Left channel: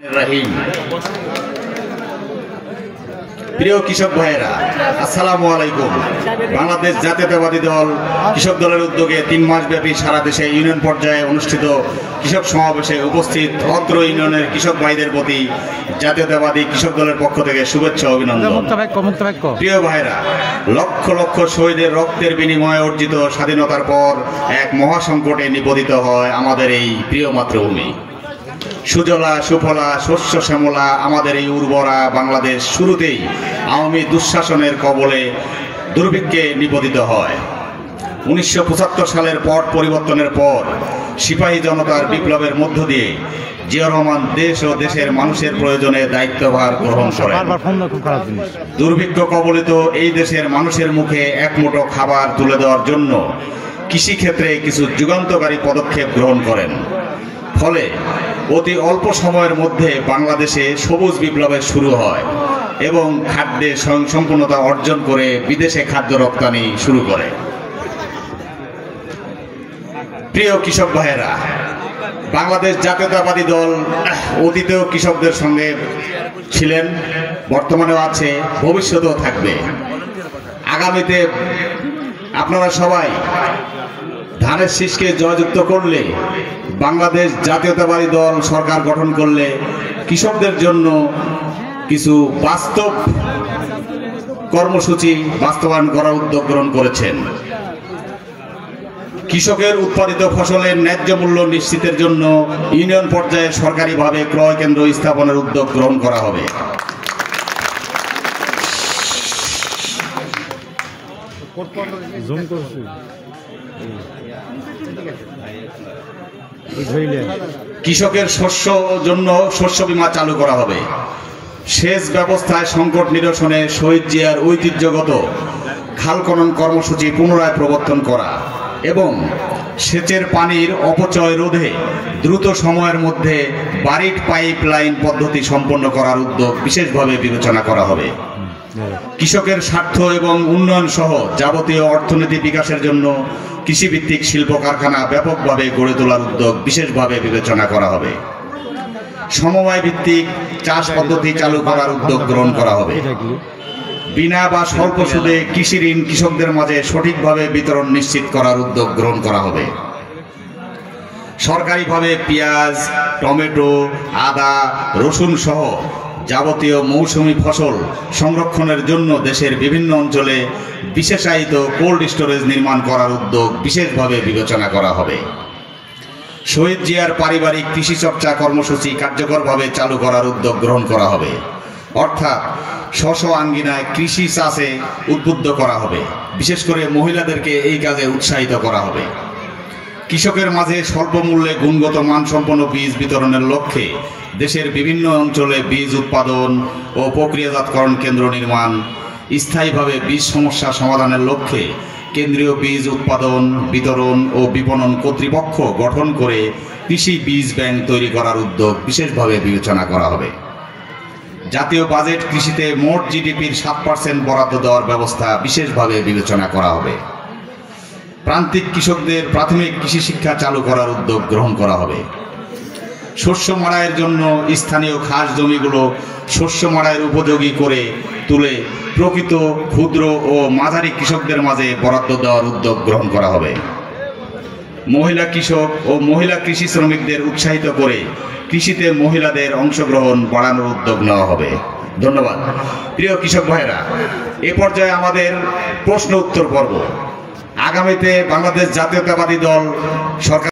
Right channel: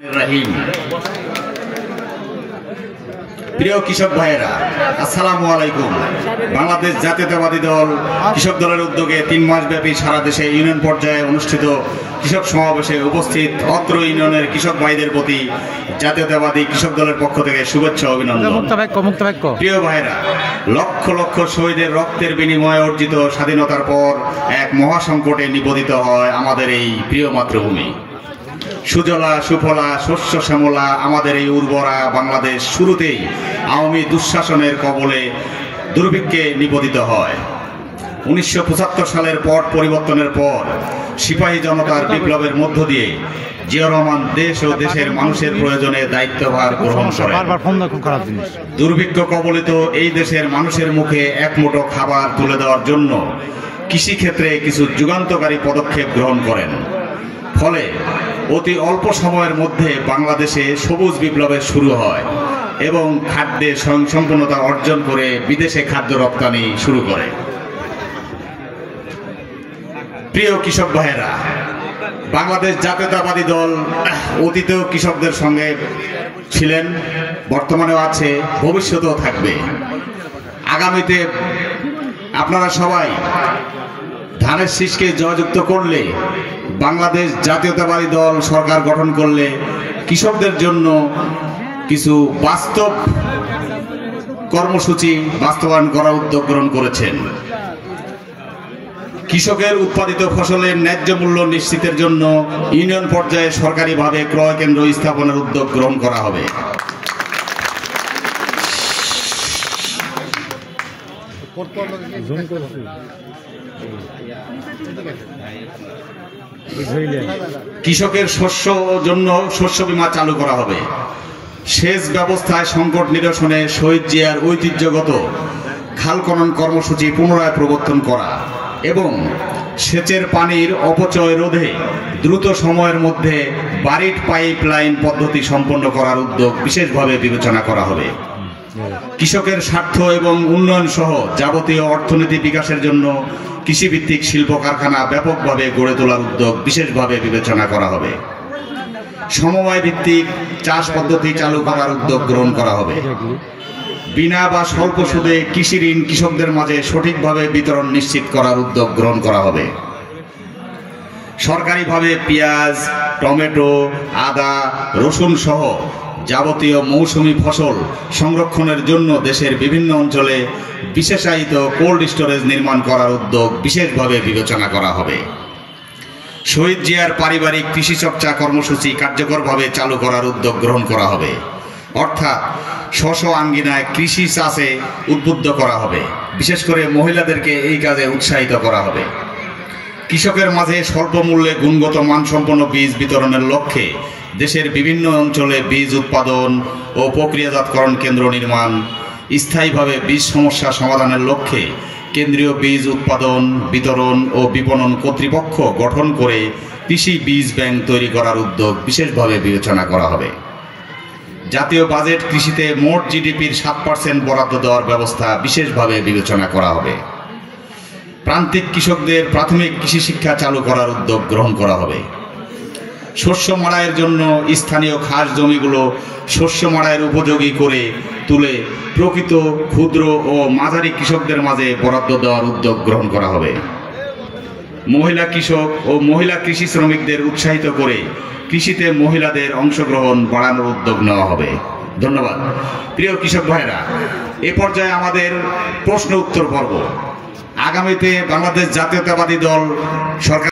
রহিম। প্রিয় কৃষক ভাইয়েরা, আসসালামু আলাইকুম। বাংলাদেশ জাতীয়তাবাদী দল কৃষক দলের উদ্যোগে 3 মাস ব্যাপী সারা দেশে ইউনিয়ন পর্যায়ে অনুষ্ঠিত কৃষক সমাবেশে উপস্থিত অত্র ইউনিয়নের কৃষক ভাইদের প্রতি জাতীয়তাবাদী কৃষক দলের পক্ষ থেকে শুভেচ্ছা অভিনন্দন। প্রিয় ভাইয়েরা, লক্ষ লক্ষ শহীদের রক্তের বিনিময়ে অর্জিত স্বাধীনতার পর এক মহাসংকটে নিপতিত হয় আমাদের এই প্রিয় মাতৃভূমি। সুজলা সুফলা শস্য শ্যামলা আমাদের এই উর্বরা বাংলাদেশ শুরুতেই আওয়ামী দুঃশাসনের কবলে দুর্ভিক্ষে নিপতিত হয়। 1975 সালের পট পরিবর্তনের পর সিপাহী জনতার বিপ্লবের মধ্য দিয়ে জিয়াউর রহমান দেশ ও দেশের মানুষের প্রয়োজনে দায়িত্বভার গ্রহণ করেন। দুর্ভিক্ষ কবলিত এই দেশের মানুষের মুখে এক মুঠো খাবার তুলে দেওয়ার জন্য কৃষিক্ষেত্রে কিছু যুগান্তকারী পদক্ষেপ গ্রহণ করেন। ফলে অতি অল্প সময়ের মধ্যে বাংলাদেশে সবুজ বিপ্লবের শুরু হয় এবং খাদ্যে স্বয়ংসম্পূর্ণতা অর্জন করে বিদেশে খাদ্য রপ্তানি শুরু করে। প্রিয় কৃষক ভাইয়েরা, বাংলাদেশ জাতীয়তাবাদী দল অতীতেও কৃষকদের সঙ্গে ছিলেন, বর্তমানেও আছে, ভবিষ্যতেও থাকবে। আগামীতে আপনারা সবাই ধানের শীষকে জয়যুক্ত করলে, বাংলাদেশ জাতীয়তাবাদী দল সরকার গঠন করলে কৃষকদের জন্য কিছু বাস্তব কর্মসূচি বাস্তবায়ন করার উদ্যোগ গ্রহণ করেছেন। কৃষকের উৎপাদিত ফসলের ন্যায্য মূল্য নিশ্চিতের জন্য ইউনিয়ন পর্যায়ে সরকারিভাবে ক্রয় কেন্দ্র স্থাপনের উদ্যোগ গ্রহণ করা হবে। কৃষকের জন্য শস্য বীমা চালু করা হবে। সেচ ব্যবস্থায় সংকট নিরসনে শহীদ জিয়ার ঐতিহ্যগত খাল খনন কর্মসূচি পুনরায় প্রবর্তন করা এবং সেচের পানির অপচয় রোধে দ্রুত সময়ের মধ্যে বারিট পাইপ লাইন পদ্ধতি সম্পন্ন করার উদ্যোগ বিশেষভাবে বিবেচনা করা হবে। কৃষকের স্বার্থ এবং উন্নয়ন সহ যাবতীয় অর্থনীতি বিকাশের জন্য কৃষিভিত্তিক শিল্প কারখানা ব্যাপকভাবে গড়ে তোলার উদ্যোগ বিশেষভাবে বিবেচনা করা হবে। সমবায় ভিত্তিক চাষ পদ্ধতি চালু করার উদ্যোগ গ্রহণ করা হবে। বিনা বা স্বল্প সুদে কৃষি ঋণ কৃষকদের মাঝে সঠিকভাবে বিতরণ নিশ্চিত করার উদ্যোগ গ্রহণ করা হবে। সরকারিভাবে পেঁয়াজ, টমেটো, আদা, রসুন সহ যাবতীয় মৌসুমী ফসল সংরক্ষণের জন্য দেশের বিভিন্ন অঞ্চলে বিশেষায়িত কোল্ড স্টোরেজ নির্মাণ করার উদ্যোগ বিশেষভাবে বিবেচনা করা হবে। শহীদ জিয়ার পারিবারিক কৃষি চর্চা কর্মসূচি কার্যকরভাবে চালু করার উদ্যোগ গ্রহণ করা হবে। অর্থাৎ স্ব আঙ্গিনায় কৃষি চাষে উদ্বুদ্ধ করা হবে। বিশেষ করে মহিলাদেরকে এই কাজে উৎসাহিত করা হবে। কৃষকের মাঝে স্বল্প মূল্যে গুণগত মানসম্পন্ন বীজ বিতরণের লক্ষ্যে দেশের বিভিন্ন অঞ্চলে বীজ উৎপাদন ও প্রক্রিয়াজাতকরণ কেন্দ্র নির্মাণ, স্থায়ীভাবে বীজ সমস্যা সমাধানের লক্ষ্যে কেন্দ্রীয় বীজ উৎপাদন, বিতরণ ও বিপণন কর্তৃপক্ষ গঠন করে কৃষি বীজ ব্যাংক তৈরি করার উদ্যোগ বিশেষভাবে বিবেচনা করা হবে। জাতীয় বাজেট কৃষিতে মোট জিডিপির 7% বরাদ্দ দেওয়ার ব্যবস্থা বিশেষভাবে বিবেচনা করা হবে। প্রান্তিক কৃষকদের প্রাথমিক কৃষি শিক্ষা চালু করার উদ্যোগ গ্রহণ করা হবে। শস্য মাড়াইয়ের জন্য স্থানীয় খাস জমিগুলো শস্য মাড়াইয়ের উপযোগী করে তুলে প্রকৃত ক্ষুদ্র ও মাঝারি কৃষকদের মাঝে বরাদ্দ দেওয়ার উদ্যোগ গ্রহণ করা হবে। মহিলা কৃষক ও মহিলা কৃষি শ্রমিকদের উৎসাহিত করে কৃষিতে মহিলাদের অংশগ্রহণ বাড়ানোর উদ্যোগ নেওয়া হবে। ধন্যবাদ। প্রিয় কৃষক ভাইরা, এ পর্যায়ে আমাদের প্রশ্ন উত্তর পর্ব। আগামীতে বাংলাদেশ জাতীয়তাবাদী দল সরকার